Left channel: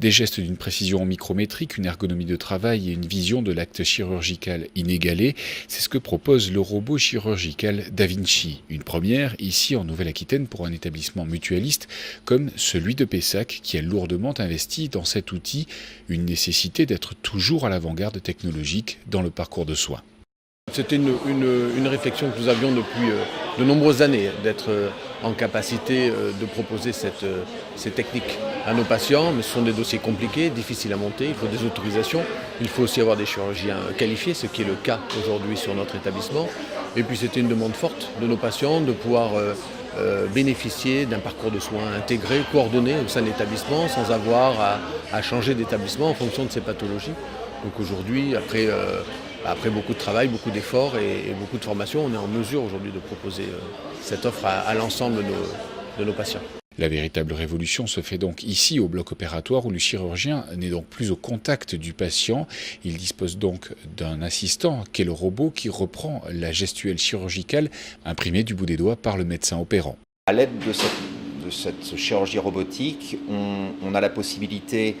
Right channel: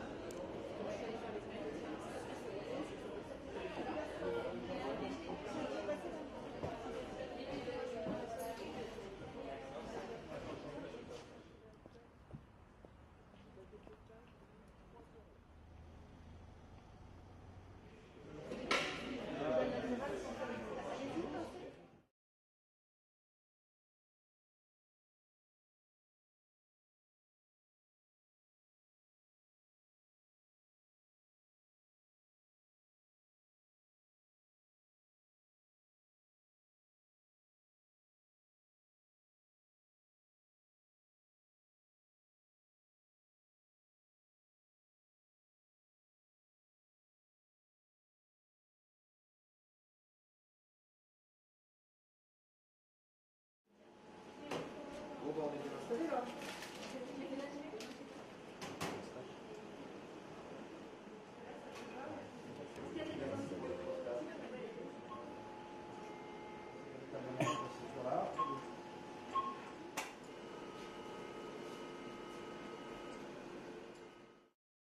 Des gestes d'une précision micrométrique, une ergonomie de travail et une vision de l'acte chirurgical inégalée, c'est ce que propose le robot chirurgical Da Vinci. Une première ici en Nouvelle-Aquitaine pour un établissement mutualiste comme celui de Pessac qui a lourdement investi dans cet outil, une nécessité d'être toujours à l'avant-garde technologique dans le parcours de soins. C'était une réflexion que nous avions depuis de nombreuses années, d'être en capacité de proposer ces techniques à nos patients, mais ce sont des dossiers compliqués, difficiles à monter, il faut des autorisations, il faut aussi avoir des chirurgiens qualifiés, ce qui est le cas aujourd'hui sur notre établissement. Et puis c'était une demande forte de nos patients de pouvoir bénéficier d'un parcours de soins intégré, coordonné au sein de l'établissement, sans avoir à changer d'établissement en fonction de ses pathologies. Donc aujourd'hui, après beaucoup de travail, beaucoup d'efforts et beaucoup de formation, on est en mesure aujourd'hui de proposer cette offre à l'ensemble de nos patients. La véritable révolution se fait donc ici au bloc opératoire où le chirurgien n'est donc plus au contact du patient. Il dispose donc d'un assistant qu'est le robot qui reprend la gestuelle chirurgicale imprimée du bout des doigts par le médecin opérant. À l'aide de cette chirurgie robotique, on a la possibilité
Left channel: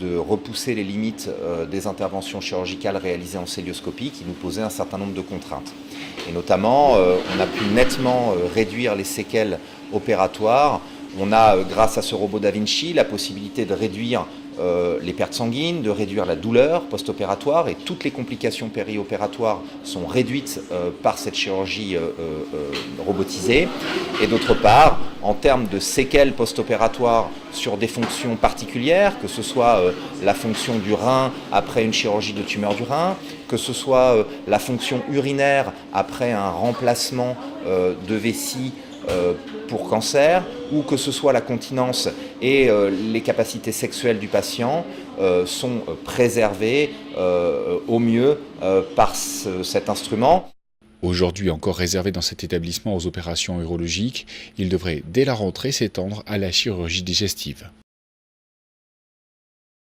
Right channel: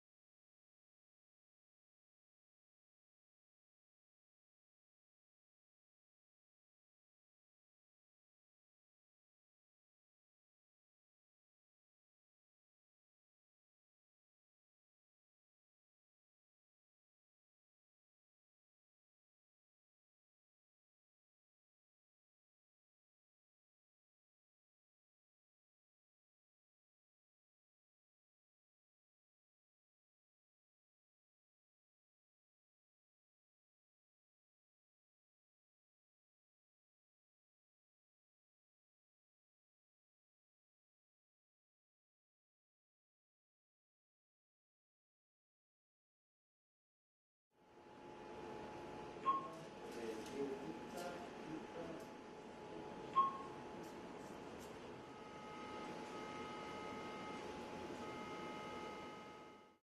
de repousser les limites des interventions chirurgicales réalisées en cœlioscopie qui nous posaient un certain nombre de contraintes. Et notamment, on a pu nettement réduire les séquelles opératoires. On a, grâce à ce robot Da Vinci, la possibilité de réduire les pertes sanguines, de réduire la douleur post-opératoire et toutes les complications périopératoires sont réduites par cette chirurgie robotisée. Et d'autre part, en termes de séquelles post-opératoires sur des fonctions particulières, que ce soit la fonction du rein après une chirurgie de tumeur du rein, que ce soit la fonction urinaire après un remplacement de vessie pour cancer, ou que ce soit la continence et les capacités sexuelles du patient sont préservées au mieux par cet instrument. Aujourd'hui encore réservé dans cet établissement aux opérations urologiques, il devrait dès la rentrée s'étendre à la chirurgie digestive.